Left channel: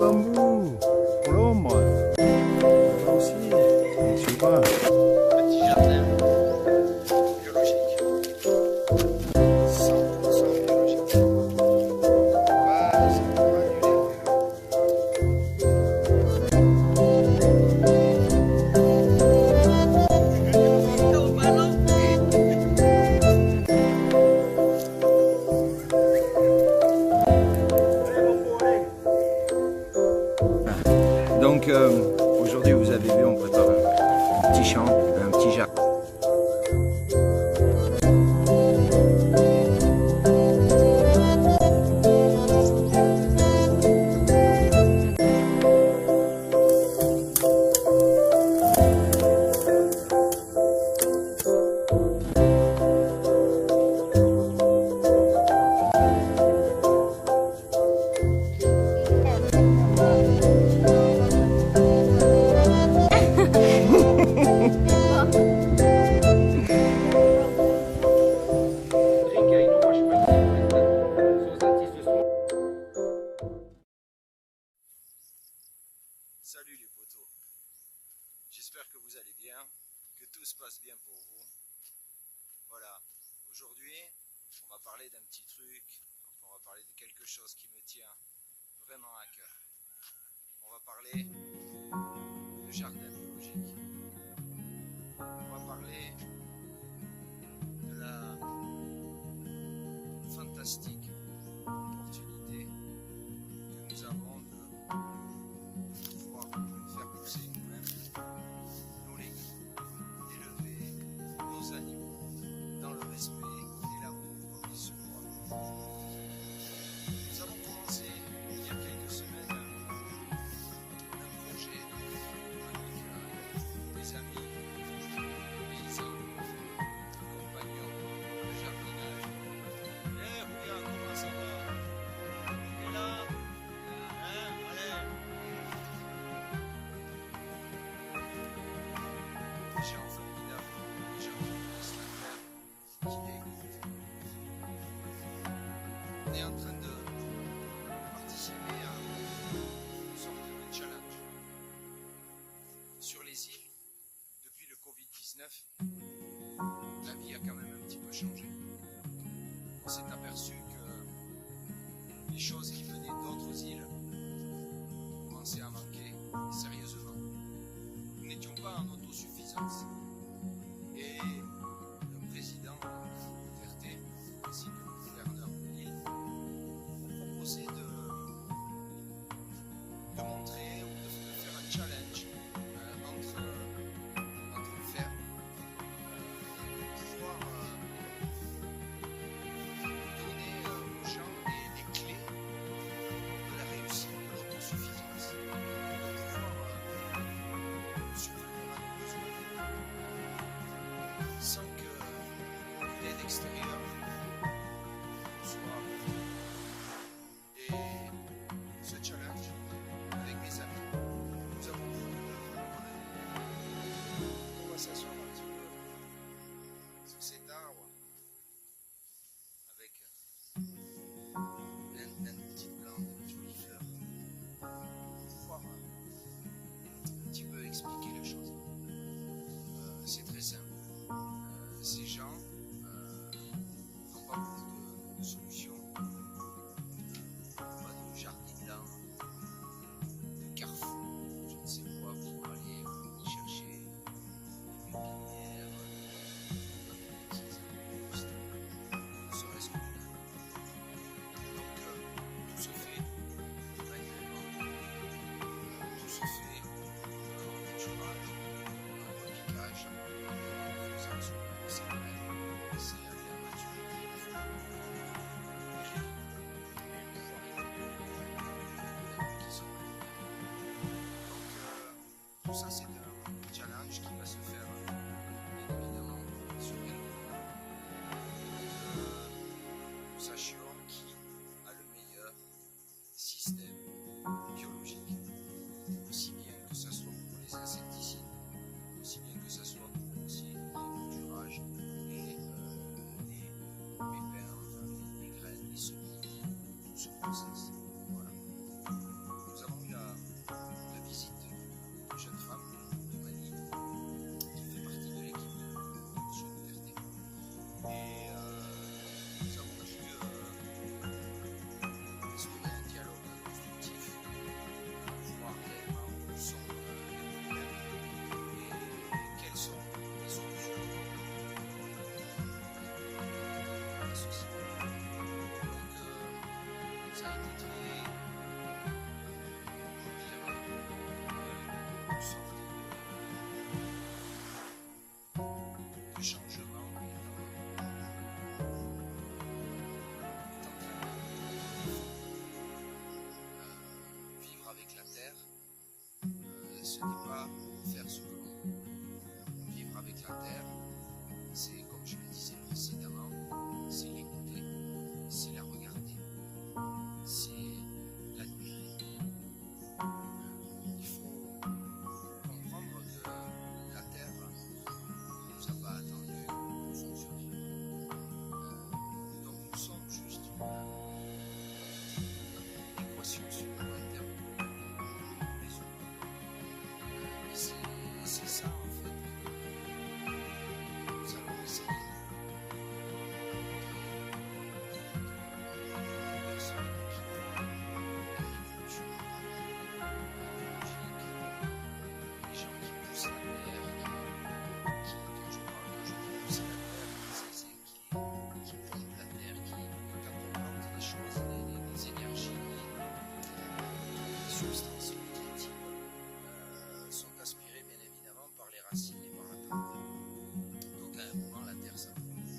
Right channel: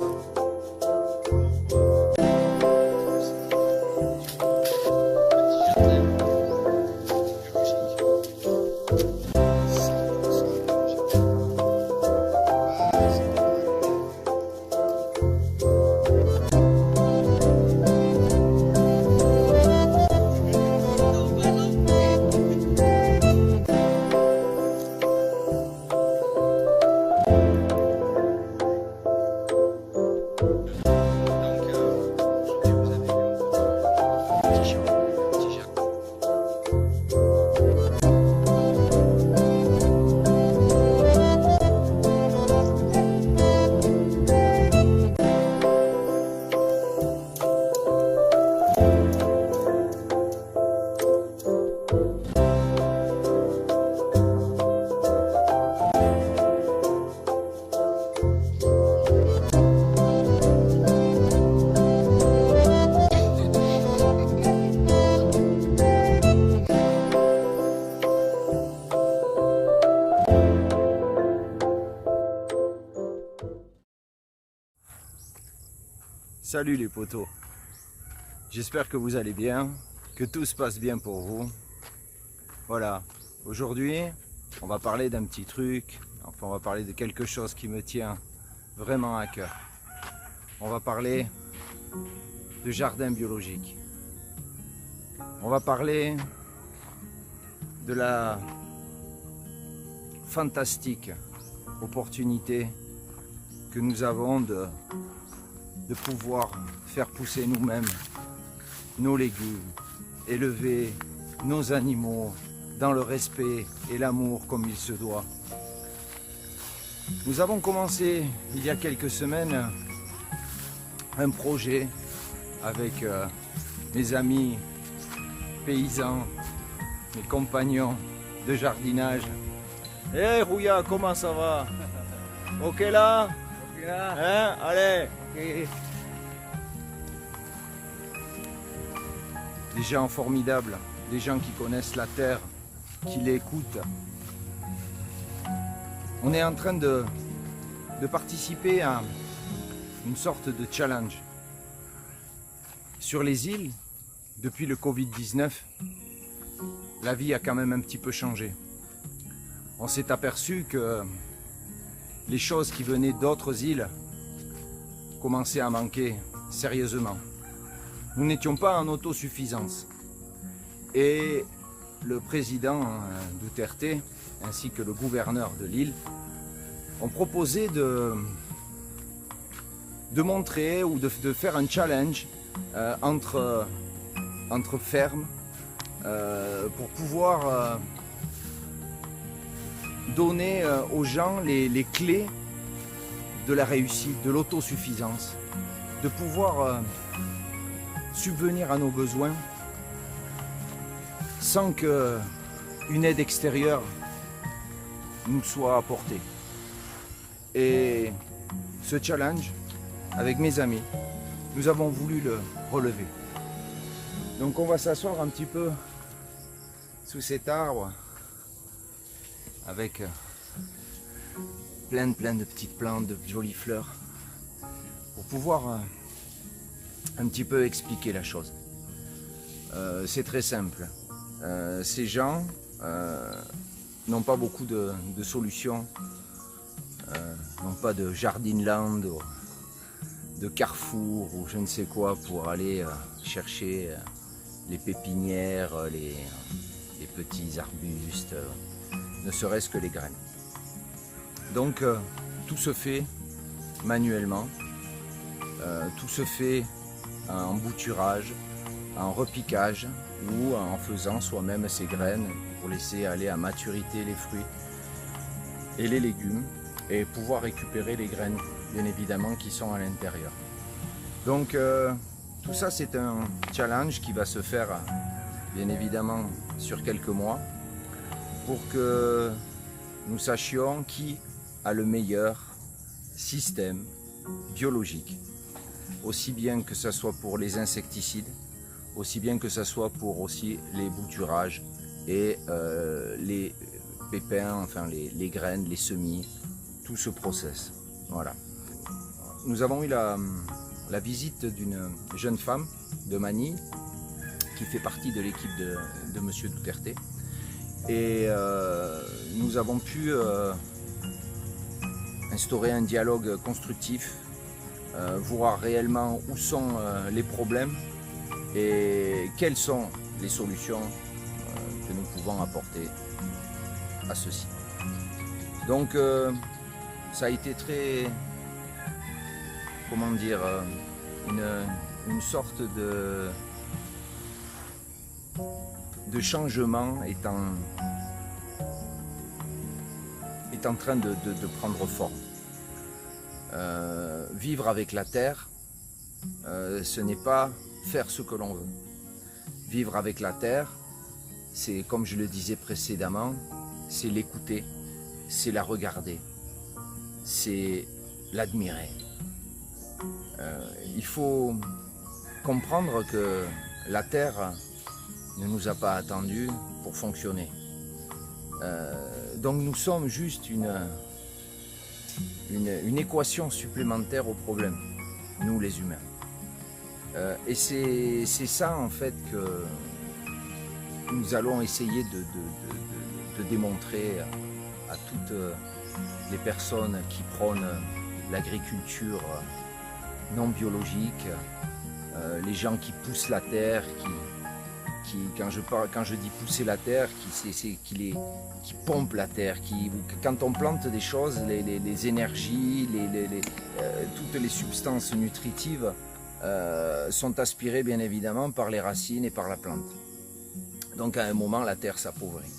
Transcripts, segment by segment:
Bambou, l'ombre, moi aussi, tu vois. Petit jardin biologique. 100% biologique. Pas simplement du légume. Donc aujourd'hui vous avez vu on prépare un petit champ, un petit jardin. Salut les potos, j'espère que vous allez bien, que tout se passe bien pour vous. Voilà, aujourd'hui on va parler d'un petit truc, enfin on va parler de quelque chose qui me tient vraiment à cœur. On va parler de jardin biologique. On va parler de la fantastique opportunité que nous avons de pouvoir faire pousser nous-mêmes nos légumes, élever nos animaux dans le respect et l'amour comme il se doit. Nous avons commencé il y a quelques semaines un projet avec mes amis paysans, mes compagnons de jardinage. Hé Rouya, comment ça va? Ok là? Hein? Allez! Des gens formidables, des gens qui connaissent la terre, qui l'écoutent. On est en train de participer à une sorte de challenge. Sur les îles, depuis le Covid-19, la vie a quand même un petit peu changé. On s'est aperçu que les choses qui venaient d'autres îles commençaient à manquer sérieusement. Nous n'étions pas en autosuffisance. Et le président Duterte ainsi que le gouverneur de l'île ont proposé de montrer ou de faire un challenge entre fermes pour pouvoir donner aux gens les clés de la réussite, de l'autosuffisance, de pouvoir subvenir à nos besoins sans qu'une aide extérieure nous soit apportée. Et ce challenge, avec mes amis, nous avons voulu le relever. Donc on va s'asseoir un petit peu sous cet arbre avec plein de petites plantes, de jolies fleurs, pour pouvoir un petit peu expliquer la chose. C'est très simple. Ces gens n'ont pas beaucoup de solutions, n'ont pas de jardinland, de carrefour ou je ne sais quoi pour aller chercher les pépinières, les petits arbustes, ne serait-ce que les graines. Donc tout se fait manuellement, tout se fait en bouturage, en repiquage ou en faisant soi-même ses graines pour laisser aller à maturité les fruits et les légumes et pouvoir récupérer les graines bien évidemment qui sont à l'intérieur. Donc tout ça c'est un challenge qui va se faire bien évidemment sur quelques mois pour que nous sachions qui a le meilleur système biologique, aussi bien que ce soit pour les insecticides, aussi bien que ce soit pour aussi les bouturages et les pépins, enfin les graines, les semis, tout ce process. Voilà. nous avons eu la visite d'une jeune femme de Manille qui fait partie de l'équipe de Monsieur Duterte. Et nous avons pu instaurer un dialogue constructif, voir réellement où sont les problèmes et quelles sont les solutions que nous pouvons apporter à ceci. Donc ça a été très, comment dire, une sorte de changement est en train de prendre forme. Vivre avec la terre, ce n'est pas faire ce que l'on veut. Vivre avec la terre, c'est, comme je le disais précédemment, c'est l'écouter, c'est la regarder, c'est l'admirer. Il faut comprendre que la terre ne nous a pas attendus pour fonctionner. Donc nous sommes juste une équation supplémentaire au problème, nous les humains. Et c'est ça en fait que nous allons essayer de démontrer à toutes les personnes qui prônent l'agriculture non biologique, les gens qui poussent la terre, quand je dis pousser la terre, qui pompe la terre, quand on plante des choses, les énergies, toutes les substances nutritives sont aspirées bien évidemment par les racines et par la plante. Donc à un moment la terre s'appauvrit.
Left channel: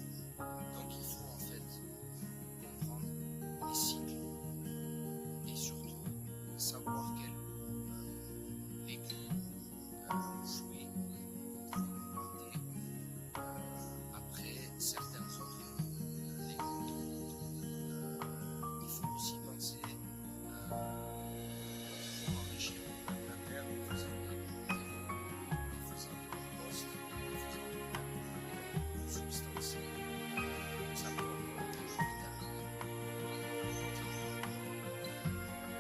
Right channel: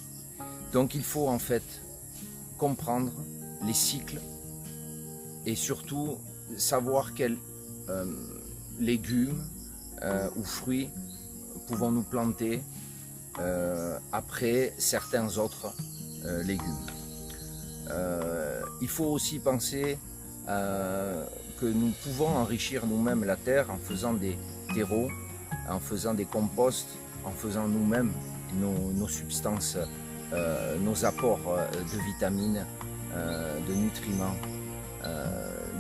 Donc il faut en fait comprendre les cycles et surtout savoir quels légumes ou fruits pouvons-nous planter après certains autres légumes. Il faut aussi penser que nous pouvons enrichir nous-mêmes la terre en faisant des terreaux, en faisant des composts, en faisant nous-mêmes nos substances, nos apports de vitamines, de nutriments.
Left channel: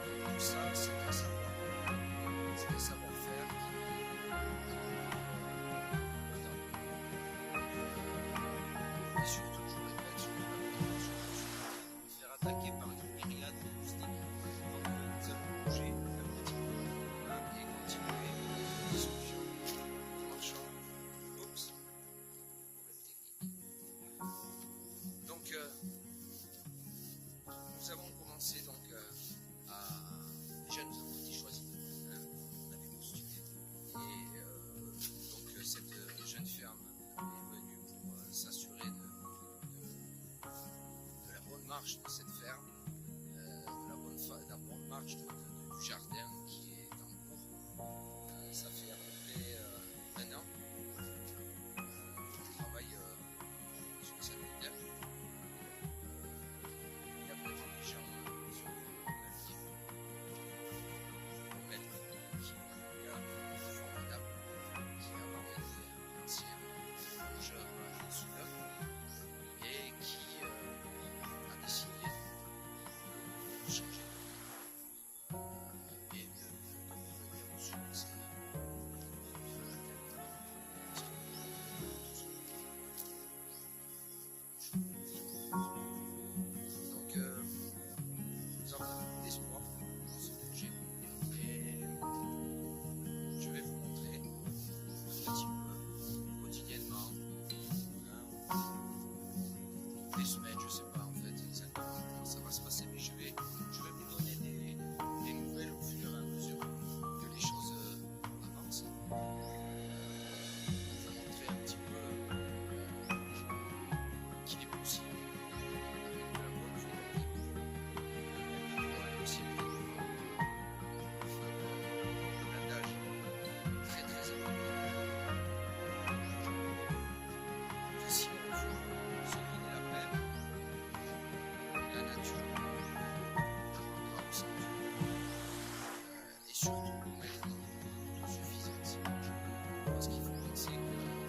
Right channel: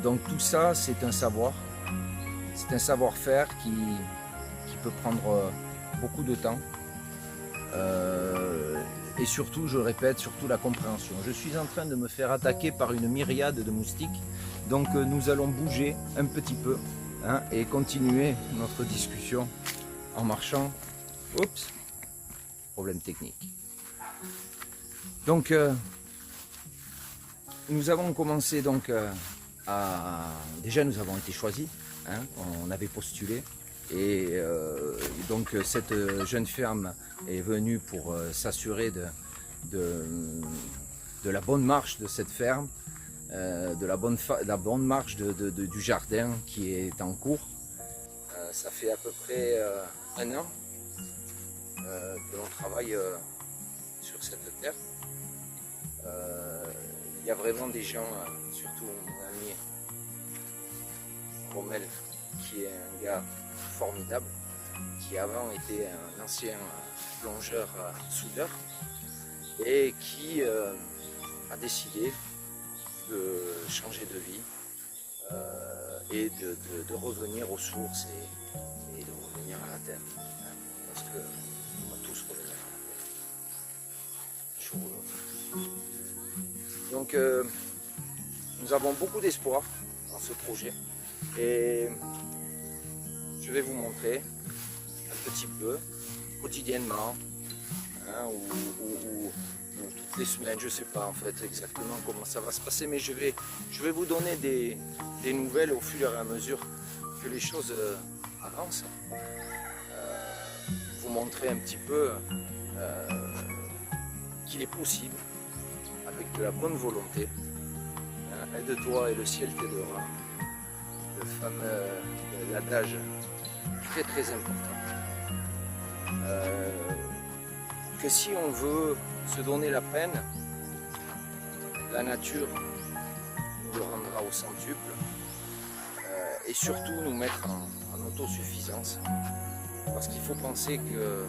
Donc tout ça, c'est un savoir-faire qui peut prendre beaucoup de temps. Et surtout, je répète, surtout la compréhension. Je suis en train de me faire attaquer par une myriade de moustiques. Donc nous allons bouger un petit peu et continuer notre discussion en marchant. Oups, problème technique. Donc nous avons commencé donc déjà nous avons été choisis, on avait postulé. Et donc cette jeune femme est venue pour s'assurer de la bonne marche de cette ferme, de la bonne marche du jardin qui est en cours. Ça fait à peu près un an que l'on travaille sur cette terre. Il y a vraiment des gens, surtout un ami, Rommel, qui est un gars formidable, qui avant était un ancien plongeur soudeur et qui a décidé de changer de vie et de revenir aux sources et de revenir à la terre. Parce qu'on va tous revenir à la terre. Donc nous avons beaucoup d'espoir dans ce projet et je vais vous montrer un petit peu quotidiennement ou toutes les semaines, je ne sais pas en fait exactement comment ça va se passer, mais je vais vous donner des nouvelles au fur et à mesure que les choses avancent. Vous montrer un petit peu qu'il est possible, avec de la bonne volonté, aide-toi et le ciel t'aidera. Le fameux l'adage très très important. Que si on veut se donner la peine, la nature nous le rendra au centuple et surtout nous mettre en autosuffisance. Parce qu'il faut penser que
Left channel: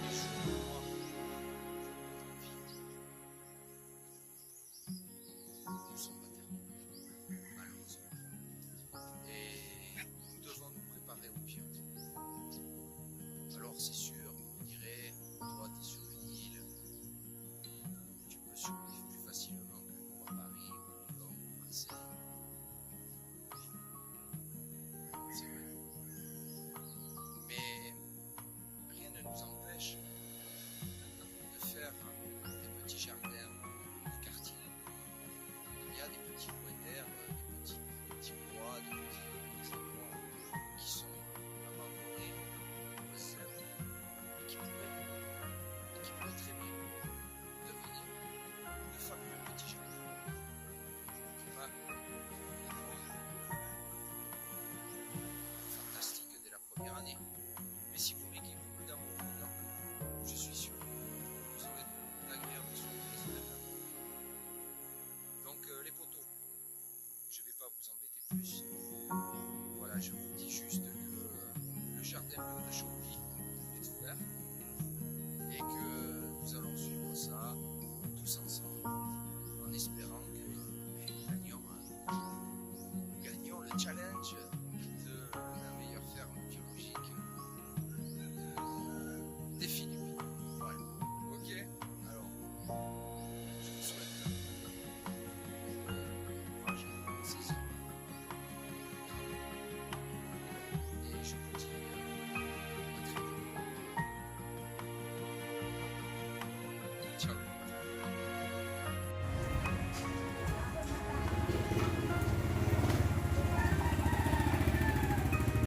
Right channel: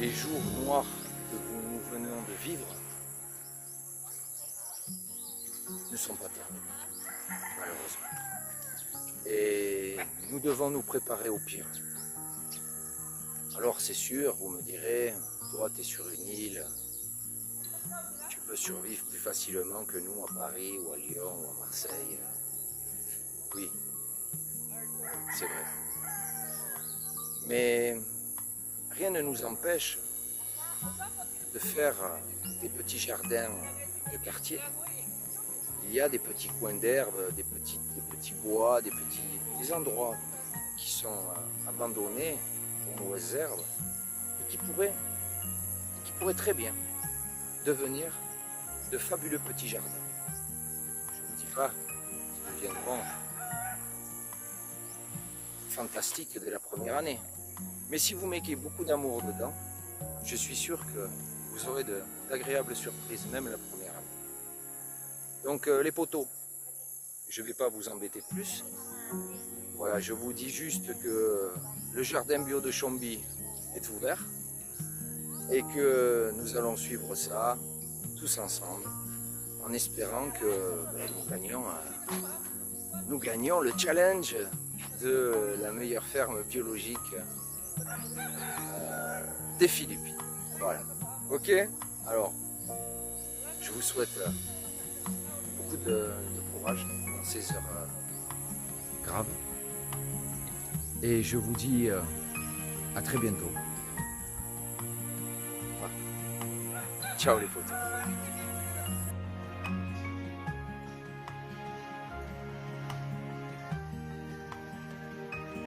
les jours noirs que nous venons de vivre ne sont pas terminés, malheureusement. nous devons nous préparer au pire. Alors c'est sûr, vous me direz, toi tu es sur une île, tu peux survivre plus facilement que nous à Paris ou à Lyon ou à Marseille. Oui, c'est vrai. Mais rien ne nous empêche de faire des petits jardins de quartier. Il y a des petits coins d'herbe, des petits bois, des endroits qui sont abandonnés aux mauvaises herbes et qui pourraient très bien devenir de fabuleux petits jardins. Je ne dis pas qu'ils deviendront fantastiques dès la première année. Mais si vous mettez beaucoup d'amour dedans, je suis sûr que vous aurez d'agréables surprises, même la première année. Donc les poteaux, je ne vais pas vous embêter plus. Voilà, je vous dis juste que le jardin bio de Chomby est ouvert et que nous allons suivre ça tous ensemble en espérant que nous gagnons le challenge de la meilleure ferme biologique des Philippines. Voilà. Ok? Alors, je vous souhaite beaucoup de courage dans ces heures graves. Et je vous dis à très bientôt. Voilà. Ciao les potes.